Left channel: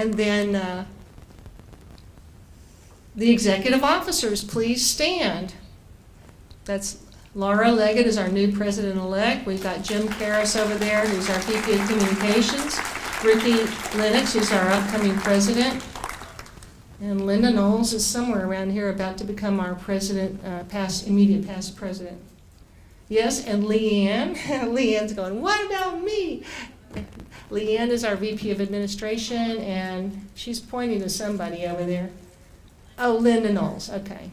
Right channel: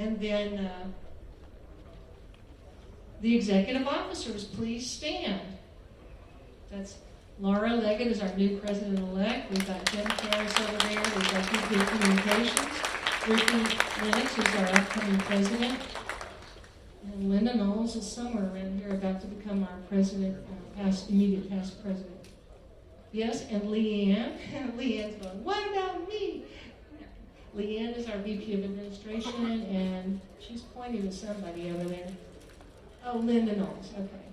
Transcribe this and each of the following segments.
And then the executive officers, please stand. That's Laura Leggett is our new president-elect. We've got Jim Karras over there, who's our VP of Communications. Ricky Lennox, who's our upcoming president. And Linda Knowles is somewhere around here about to become our president, immediate past president. Yes, and Leanne. Leanne's going, what about me? Leanne is our VP of Administration, and she's pointing to somebody over there. Oh, Linda Knowles, okay.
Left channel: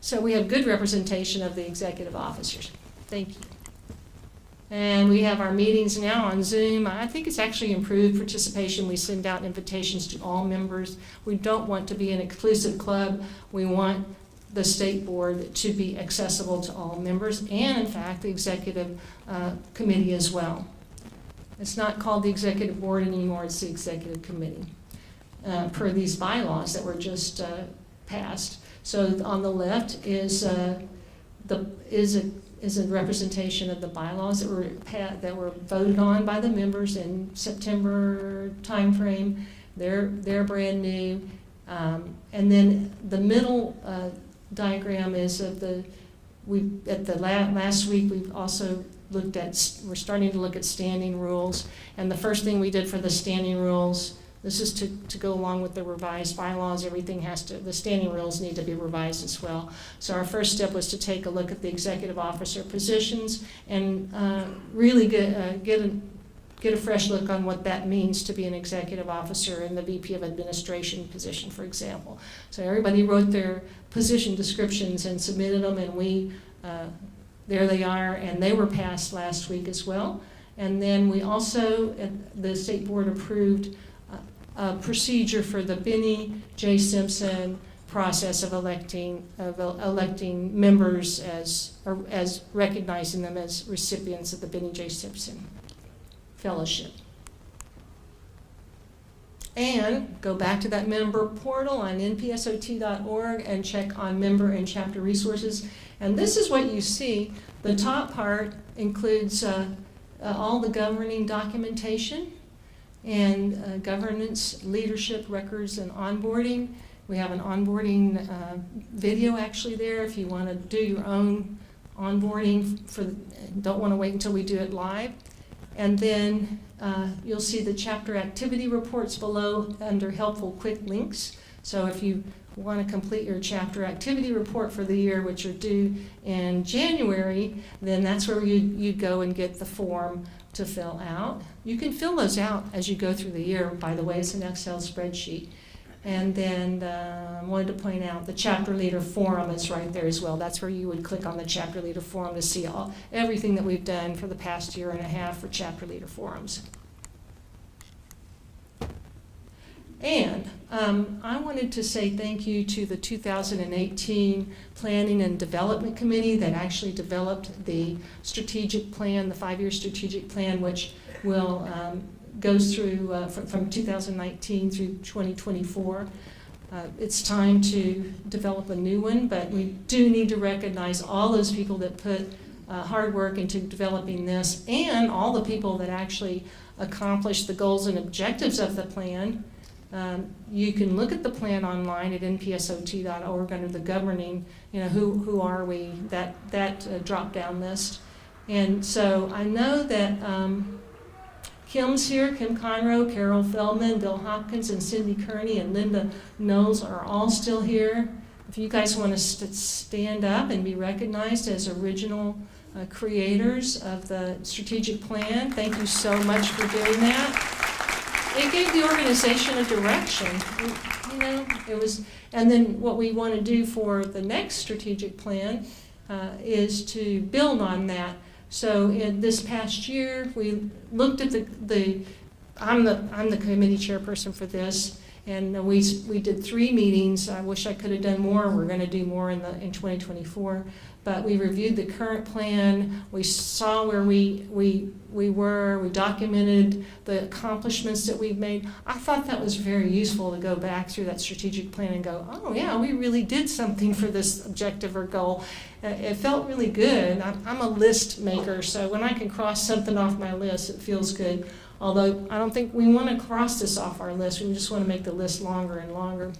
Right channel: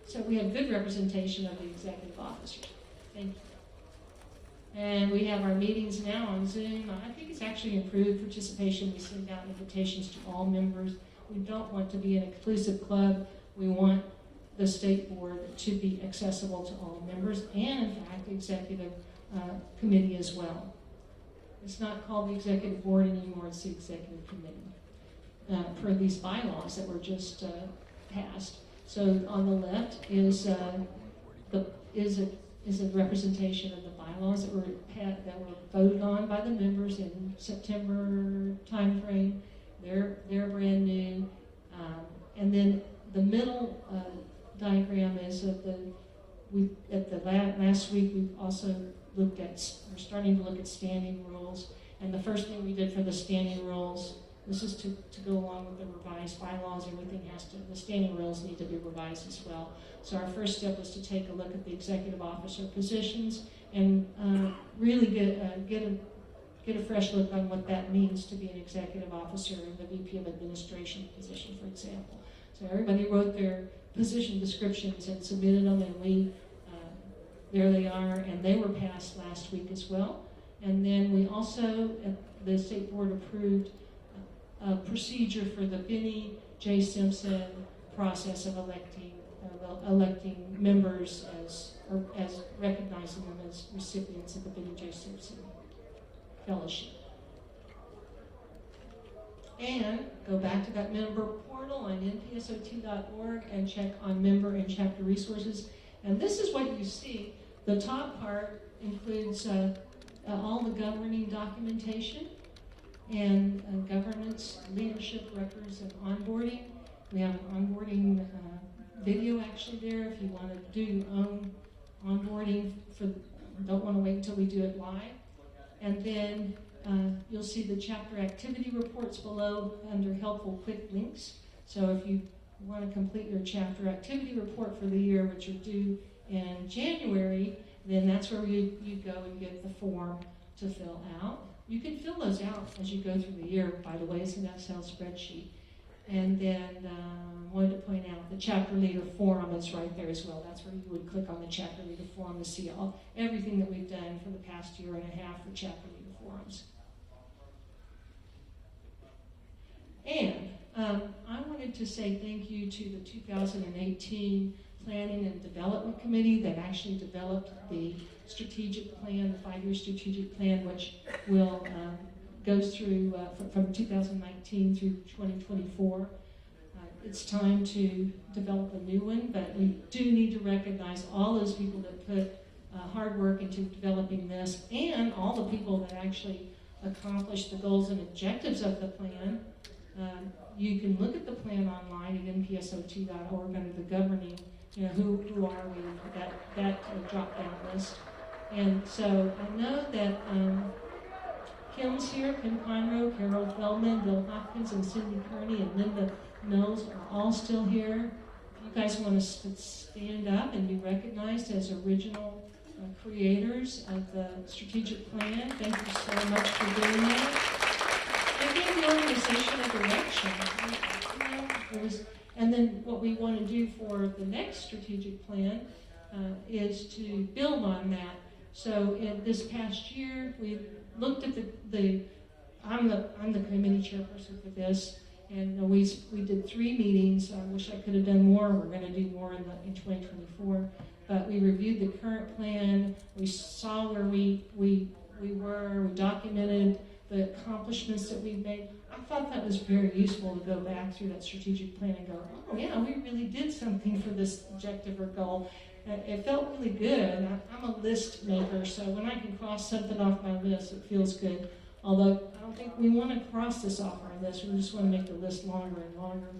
So we have good representation of the executive officers. Thank you. And we have our meetings now on Zoom. I think it's actually improved participation. We send out invitations to all members. We don't want to be an exclusive club. We want the state board to be accessible to all members, and in fact, the executive committee as well. It's not called the executive board anymore, it's the executive committee, per these bylaws that were just passed. So on the left is a representation of the bylaws that were voted on by the members in September timeframe. They're brand new, and then the middle diagram is of last week we've also looked at. We're starting to look at standing rules, and the first thing we did for the standing rules. This is to go along with the revised bylaws. The standing rules need to be revised as well. So our first step was to take a look at the executive officer positions and really get a fresh look on what that means to be an executive officer in the VP of Administration position, for example. So everybody wrote their position descriptions and submitted them, and there they are, and they were passed last week as well. And then we also, the state board approved a procedure for the Benny J. Simpson process of electing members as recognizing them as recipients of the Benny J. Simpson Fellowship. And go back to that member portal on npsot.org and check on member and chapter resources. And this is what you see. The top part includes all the governing documentation and governance, leadership, records, and onboarding. We have an onboarding video actually there if you want to do your own onboarding. Don't want to wait until we do it live. And then you'll see the chapter activity reports below under helpful quick links. So if you want to complete your chapter activity report for the year, which are due in January, then that's where you go and get the form to fill out. You can fill those out as you go through the year. By the way, it's an Excel spreadsheet. And then I wanted to point out the chapter leader forum is right there as well. That's where you would click on the chapter leader forum to see everything that we've done for the past year and a half for chapter leader forums. And I wanted to say thank you to the 2018 Planning and Development Committee that actually developed the strategic plan, the 5-year strategic plan, which will goes through from 2019 through 2024. It's time to develop a new one, but we do need to recognize all those people that put hard work into developing this, and all the people that actually accomplished the goals and objectives of the plan. You can look at the plan online at npsot.org under the governing, who are we, that drop-down list. And so I know that Kim's here, Kim Conroe, Carol Feldman, Bill Hopkins, and Cindy Kearney, and Linda Knowles are all still here. If you guys want to stand up and be recognized as original creators of the strategic plan, thank you so much for doing that. It gave the organization a direction, it was, and then what we want to do for the next strategic plan is to build on that. So in this past year, we looked at I'm the committee chairperson for this, and we did 3 meetings. I wish I could have done more. We're going to do more in 2024. But we reviewed the current plan. We saw where we were. We documented the accomplishments that we've made. I thought that was very useful to go back through that strategic plan and go, oh yeah, we really did something for this objective or goal. It felt really good. I'm a list maker, so when I can cross something off my list, it feels good. Although I don't think we want to cross this off our list, we just want to make the list longer and longer.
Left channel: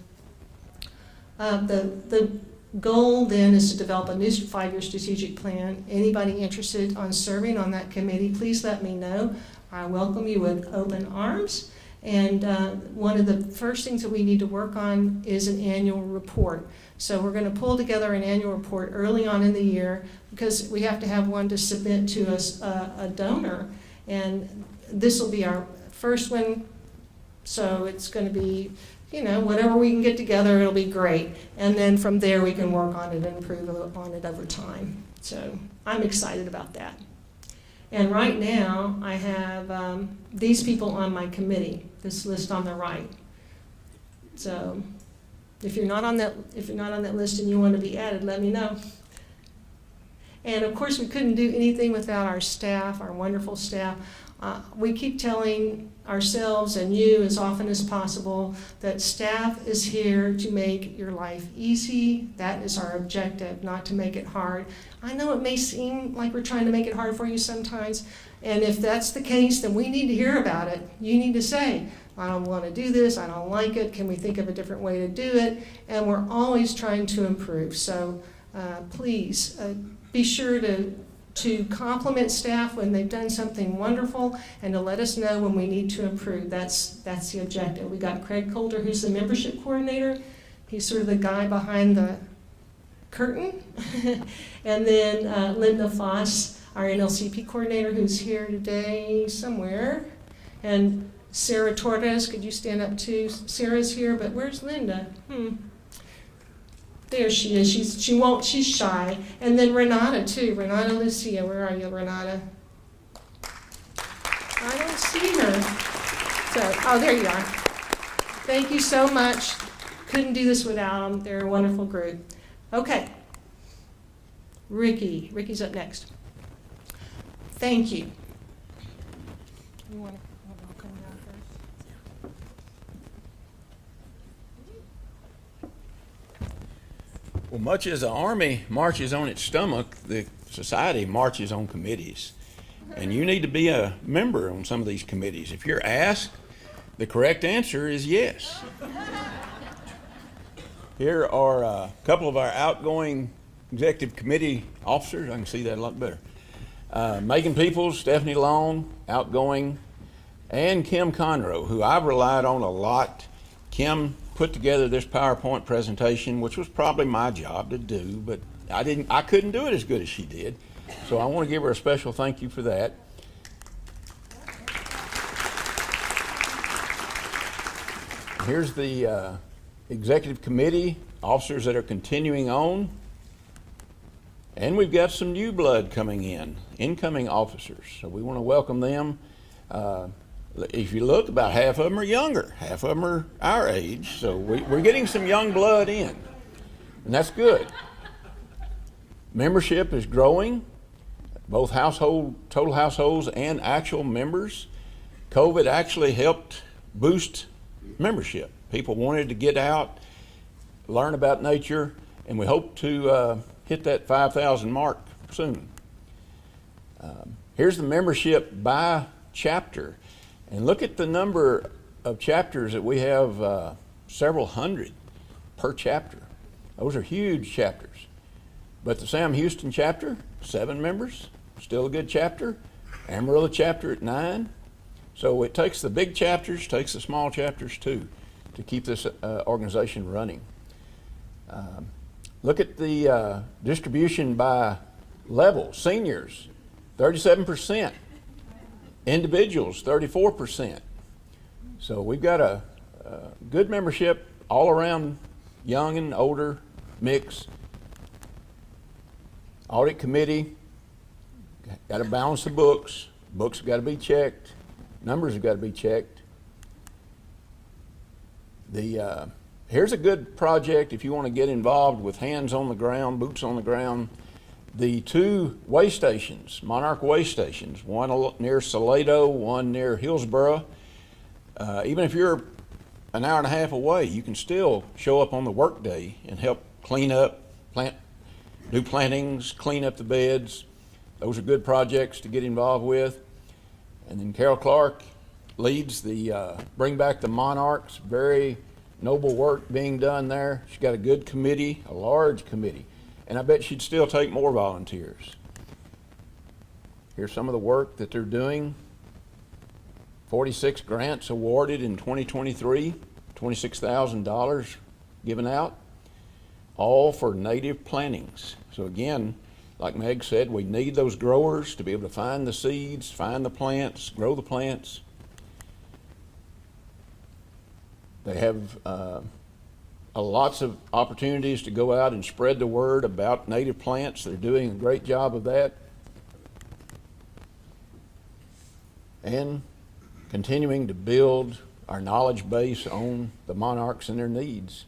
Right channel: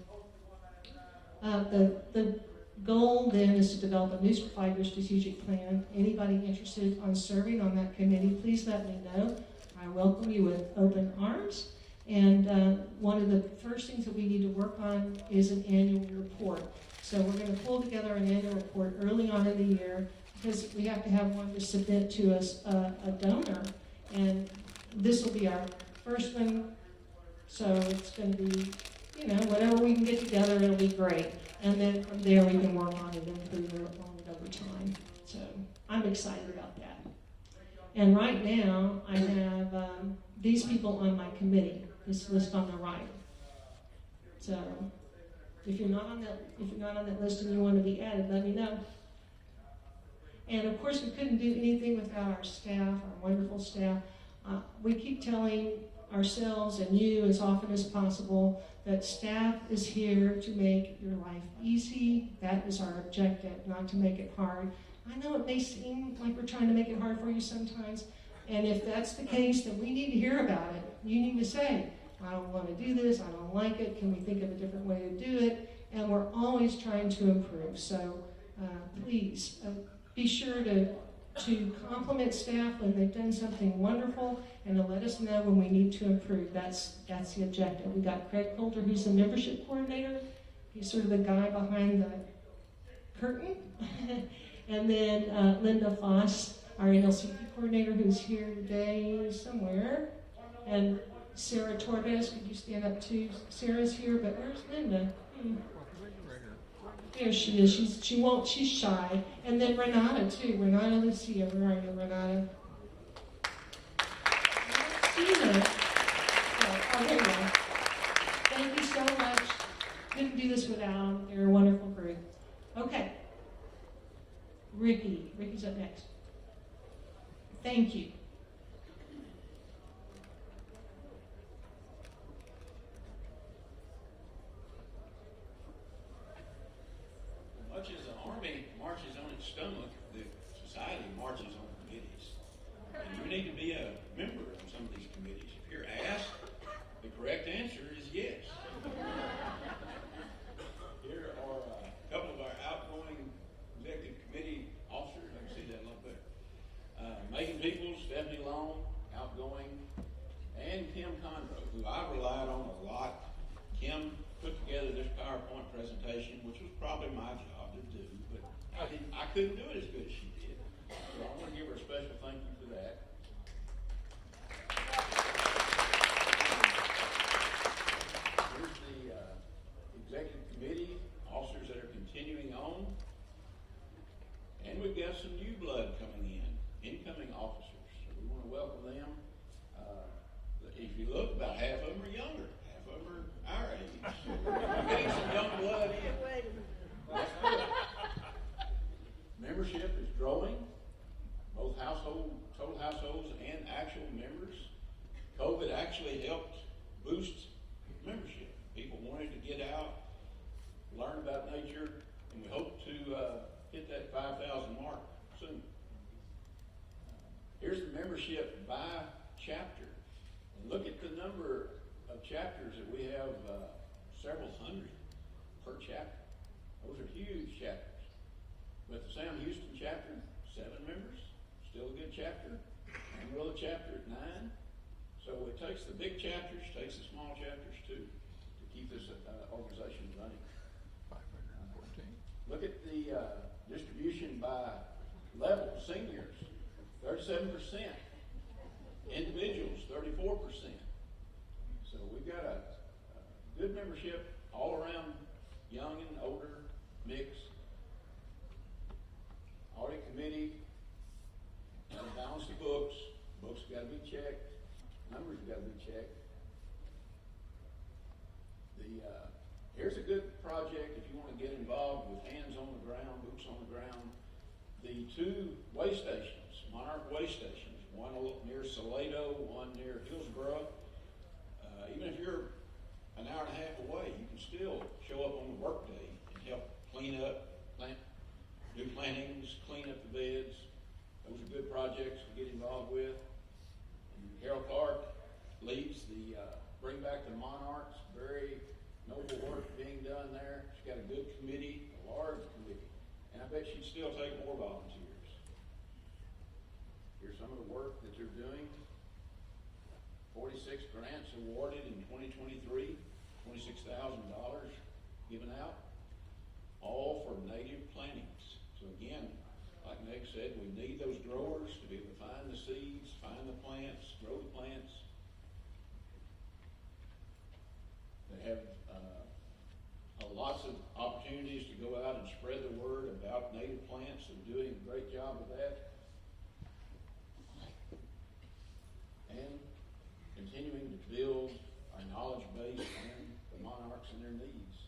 The goal then is to develop a new 5-year strategic plan. Anybody interested on serving on that committee, please let me know. I welcome you with open arms. And one of the first things that we need to work on is an annual report. So we're going to pull together an annual report early on in the year because we have to have one to submit to a donor. And this will be our first one, so it's going to be, you know, whatever we can get together, it'll be great. And then from there we can work on it and improve on it over time. So I'm excited about that. And right now I have these people on my committee, this list on the right. So if you're not on that list and you want to be added, let me know. And of course we couldn't do anything without our staff, our wonderful staff. We keep telling ourselves and you as often as possible that staff is here to make your life easy. That is our objective, not to make it hard. I know it may seem like we're trying to make it hard for you sometimes, and if that's the case, then we need to hear about it. You need to say, I don't want to do this, I don't like it, can we think of a different way to do it? And we're always trying to improve. So please be sure to compliment staff when they've done something wonderful and to let us know when we need to improve. That's the objective. We got Craig Coulter, who's the membership coordinator. He's sort of the guy behind the curtain. And then Linda Foss, our NLCP coordinator, who's here today somewhere. And Sarah Torres, could you stand up too? Sarah's here, but where's Linda? There she is. She's shy. And then Renata too. Renata Lucia, where are you, Renata? I don't see her. So, oh, there you are. Thank you so much. Couldn't do this without them. They're a wonderful group. Okay. Ricky's up next. Thank you. You want to come down first? Well, much as the Army marches on its stomach, the society marches on committees. And you need to be a member on some of these committees. If you're asked, the correct answer is yes. Here are a couple of our outgoing executive committee officers. I can see that a lot better. Megan Peoples, Stephanie Long, outgoing, and Kim Conroe, who I've relied on a lot. Kim put together this PowerPoint presentation, which was probably my job to do, but I couldn't do it as good as she did. So I want to give her a special thank you for that. Here's the executive committee officers that are continuing on. And we've got some new blood coming in, incoming officers. So we want to welcome them. If you look, about half of them are younger. Half of them are our age. So we're getting some young blood in. And that's good. Membership is growing, both total households and actual members. COVID actually helped boost membership. People wanted to get out, learn about nature, and we hope to hit that 5,000 mark soon. Here's the membership by chapter. And look at the number of chapters that we have, several hundred per chapter. Those are huge chapters. But the Sam Houston chapter, 7 members, still a good chapter. Amarillo chapter at 9. So it takes the big chapters, takes the small chapters too, to keep this organization running. Look at the distribution by level. Seniors, 37%. Individuals, 34%. So we've got a good membership all around, young and older mix. Audit committee, got to balance the books. Books have got to be checked. Numbers have got to be checked. Here's a good project if you want to get involved with hands on the ground, boots on the ground. The 2 way stations, Monarch way stations, one near Salado, one near Hillsboro. Even if you're an hour and a half away, you can still show up on the work day and help clean up, do plantings, clean up the beds. Those are good projects to get involved with. And then Carol Clark leads the Bring Back the Monarchs. Very noble work being done there. She's got a good committee, a large committee, and I bet she'd still take more volunteers. Here's some of the work that they're doing. 46 grants awarded in 2023, $26,000 given out, all for native plantings. So again, like Meg said, we need those growers to be able to find the seeds, find the plants, grow the plants. They have lots of opportunities to go out and spread the word about native plants. They're doing a great job of that. And continuing to build our knowledge base on the monarchs and their needs.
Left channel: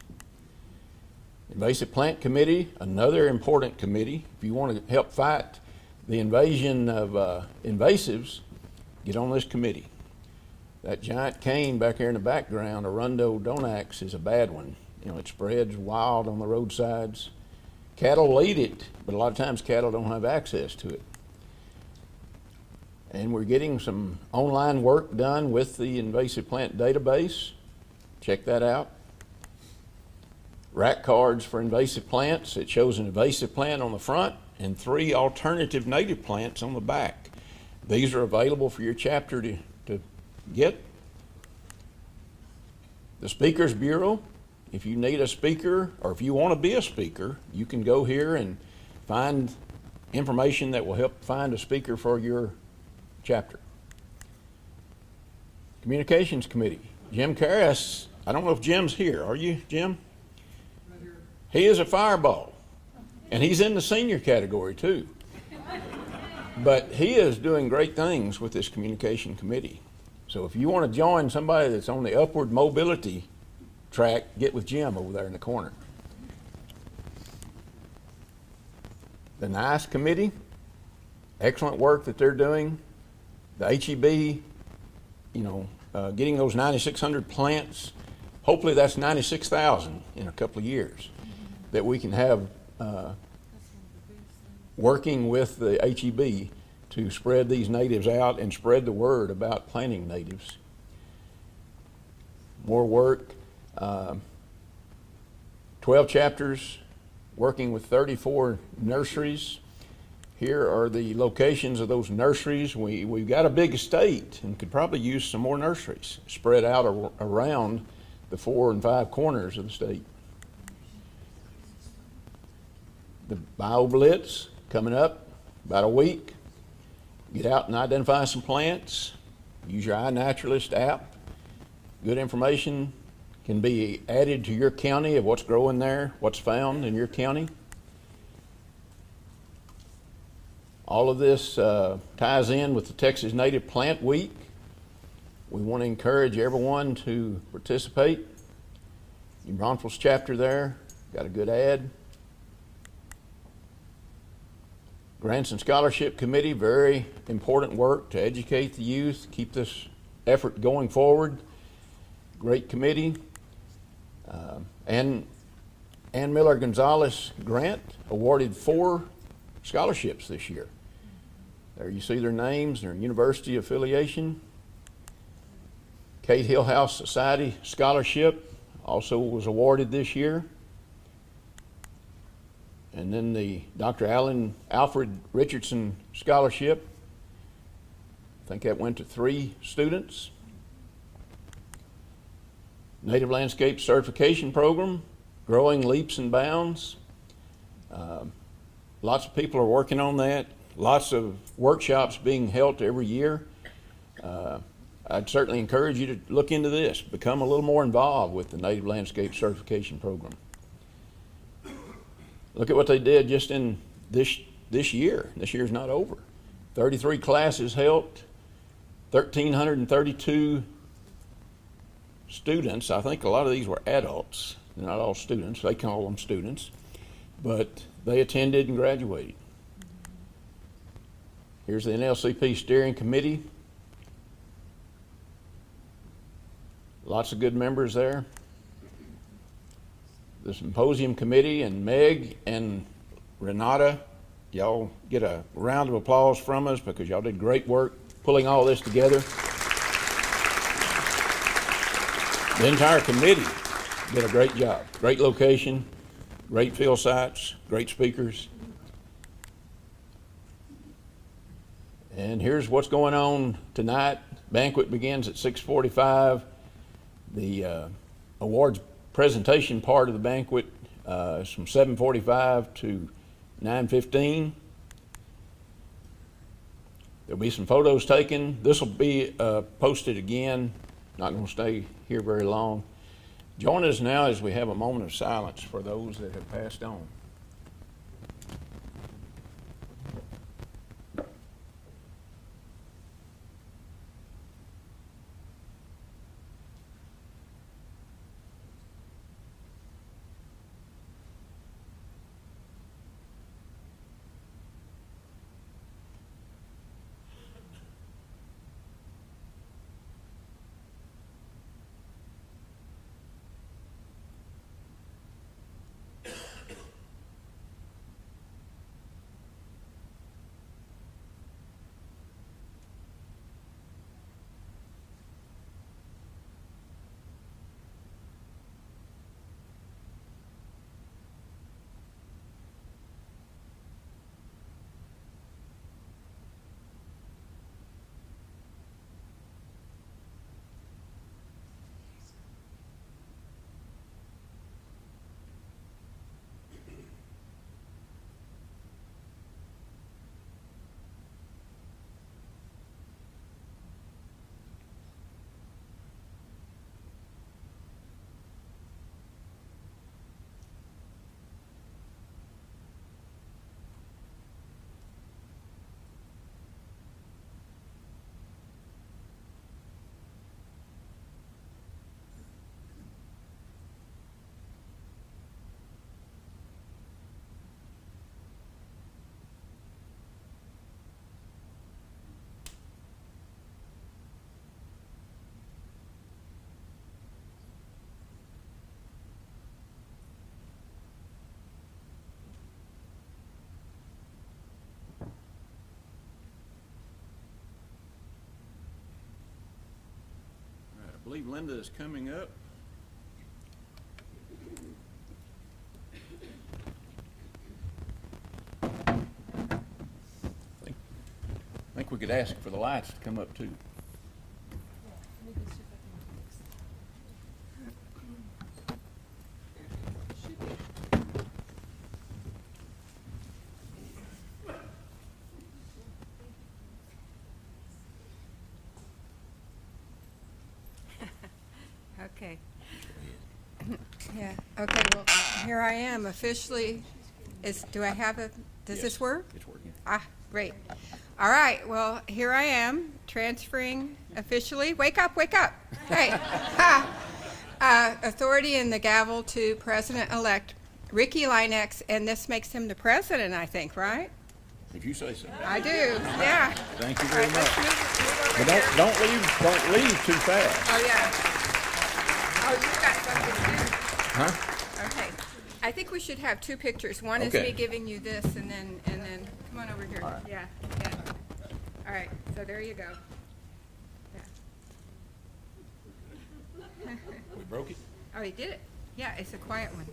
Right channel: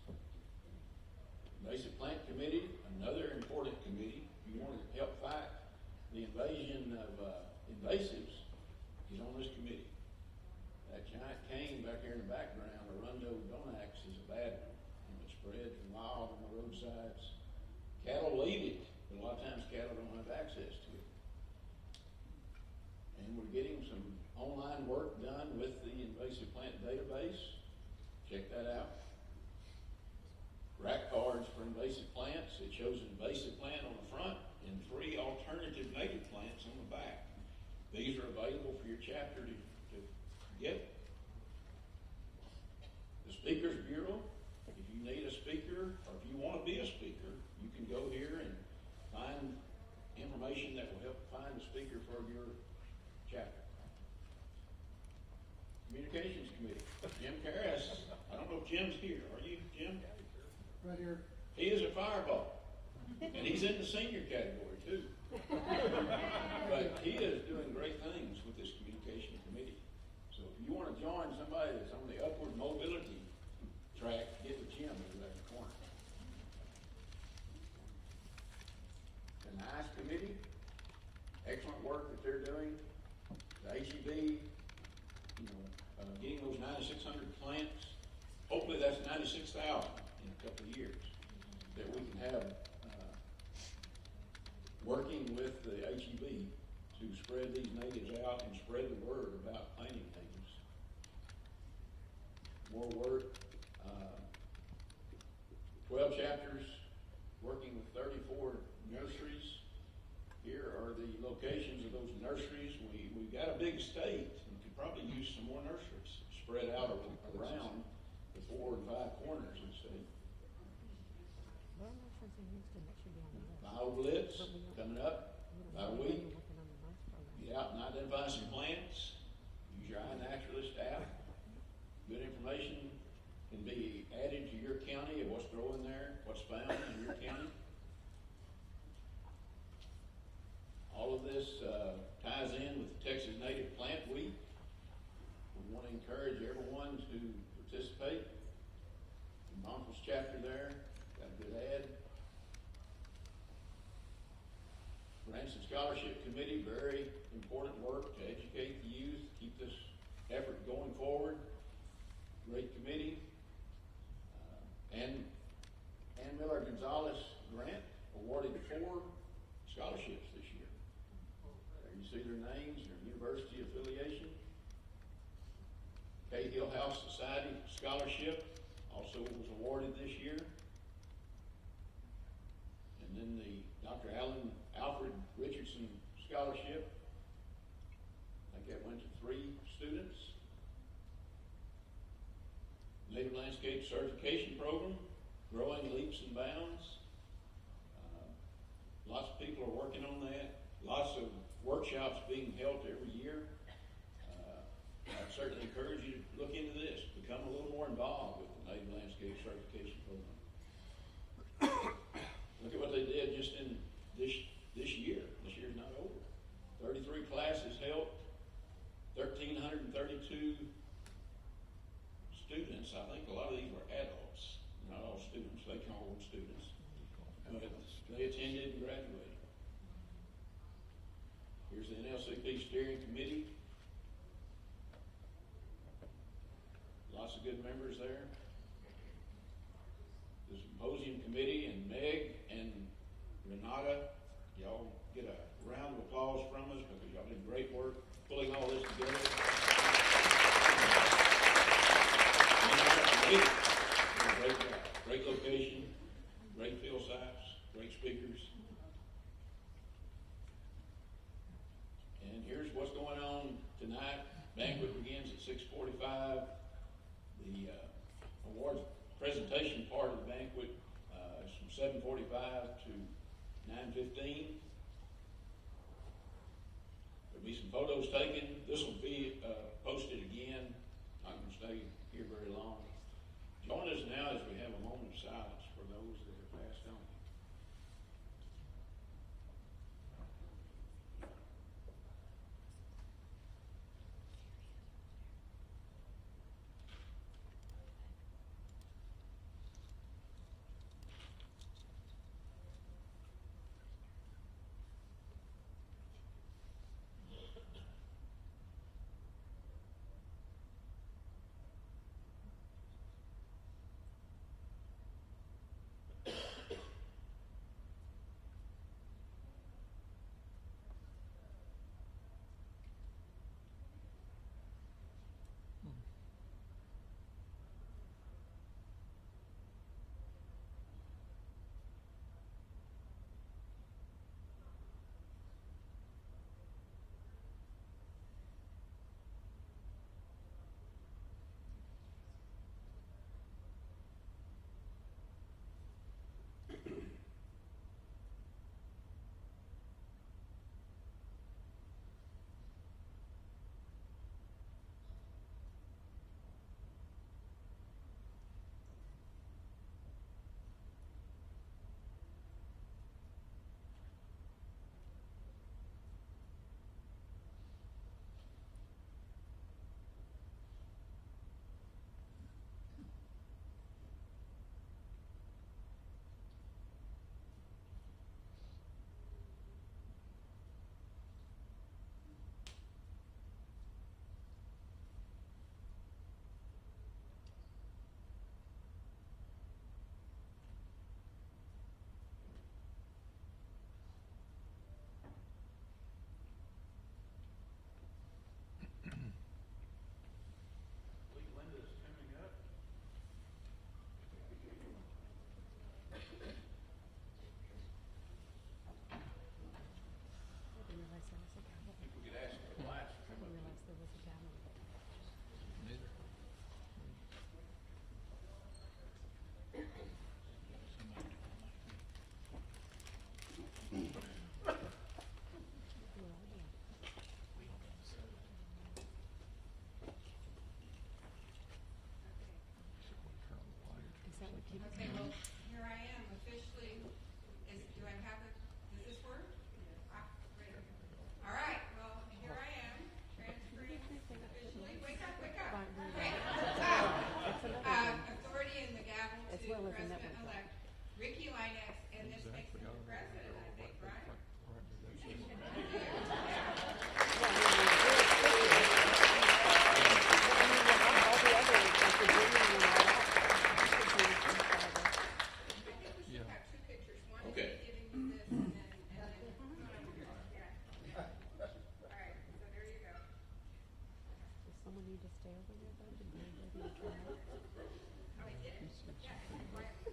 Invasive Plant Committee, another important committee. If you want to help fight the invasion of invasives, get on this committee. That giant cane back there in the background, Arundo donax, is a bad one. You know, it spreads wild on the roadsides. Cattle eat it, but a lot of times cattle don't have access to it. And we're getting some online work done with the invasive plant database. Check that out. Rack cards for invasive plants. It shows an invasive plant on the front and 3 alternative native plants on the back. These are available for your chapter to get. The Speakers Bureau. If you need a speaker or if you want to be a speaker, you can go here and find information that will help find a speaker for your chapter. Communications Committee. Jim Karras, I don't know if Jim's here. Are you, Jim? Right here. He is a fireball, and he's in the senior category too. But he is doing great things with this Communication Committee. So if you want to join somebody that's on the upward mobility track, get with Jim over there in the corner. The NICE Committee, excellent work that they're doing. The HEB, getting those 9,600 plants, hopefully that's 96,000 in a couple of years that we can have working with the HEB to spread these natives out and spread the word about planting natives. More work, 12 chapters, working with 34 nurseries. Here are the locations of those nurseries. We've got a big estate and could probably use some more nurseries spread out around the 4 and 5 corners of the state. The BioBlitz coming up about a week. Get out and identify some plants. Use your iNaturalist app. Good information can be added to your county of what's growing there, what's found in your county. All of this ties in with the Texas Native Plant Week. We want to encourage everyone to participate. New Braunfels chapter there, got a good ad. Grants and Scholarship Committee, very important work to educate the youth, keep this effort going forward. Great committee. And Ann Miller Gonzalez Grant awarded 4 scholarships this year. There you see their names, their university affiliation. Kate Hillhouse Society Scholarship also was awarded this year. And then the Dr. Alfred Richardson Scholarship. I think that went to 3 students. Native Landscape Certification Program, growing leaps and bounds. Lots of people are working on that. Lots of workshops being held every year. I'd certainly encourage you to look into this, become a little more involved with the Native Landscape Certification Program. Look at what they did just in this year. This year's not over. 33 classes helped, 1,332 students. I think a lot of these were adults. They're not all students. They call them students. But they attended and graduated. Here's the NLCP Steering Committee. Lots of good members there. The Symposium Committee and Meg and Renata, y'all get a round of applause from us because y'all did great work pulling all this together. The entire committee did a great job. Great location, great field sites, great speakers. And here's what's going on tonight. Banquet begins at 6:45. The awards presentation part of the banquet is from 7:45 to 9:15. There'll be some photos taken. This will be posted again. Not going to stay here very long. Join us now as we have a moment of silence for those that have passed on. I believe Linda is coming up. I think we could ask for the lights to come up too. Okay. Yeah, okay, well, here I am officially. Do I have does this work? It's working. Ah, great. All right, well, here I am, transferring officially. Wake up, wake up. Hey. Authority and the gavel to President-elect Ricky Linex, and this makes him the president, I think, right? If you say so. I do, yeah. Thank you very much. Well, don't leave too fast. Oh, yeah. Oh, you got something. Huh? Okay. I think we should have two pictures. One is Okay. me giving you this, and then come on over here. All right. Yeah. All right. So there you go. We broke it? Oh, he did it. Yeah, it's a quiet one.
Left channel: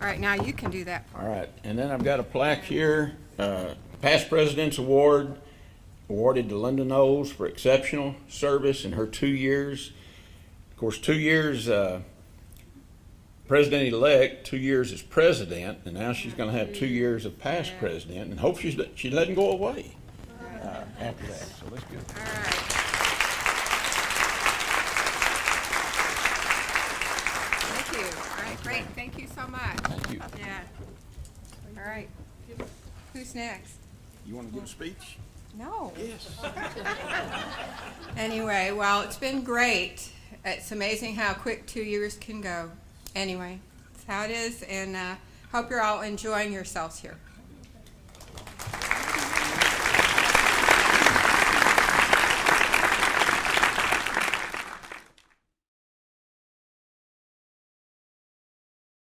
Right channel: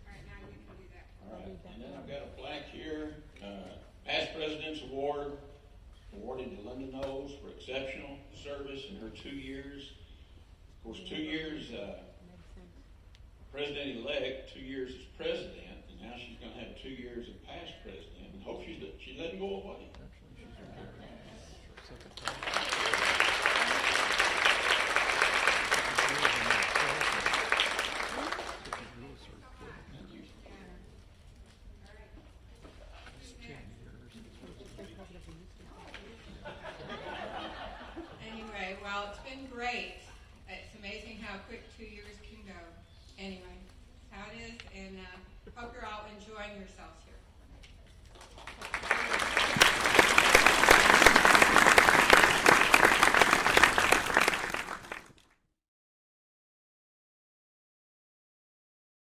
All right. Now you can do that part. All right, and then I've got a plaque here, Past President's Award, awarded to Linda Knowles for exceptional service in her 2 years. Of course, 2 years president-elect, 2 years as president, and now she's going to have 2 years of past president, and hope she doesn't go away after that. So let's go. All right. Thank you. All right. Great. Thank you so much. Thank you. Yeah. All right. Who's next? You want a good speech? No. Yes. Anyway, well, it's been great. It's amazing how quick 2 years can go. Anyway, that's how it is, and hope you're all enjoying yourselves here.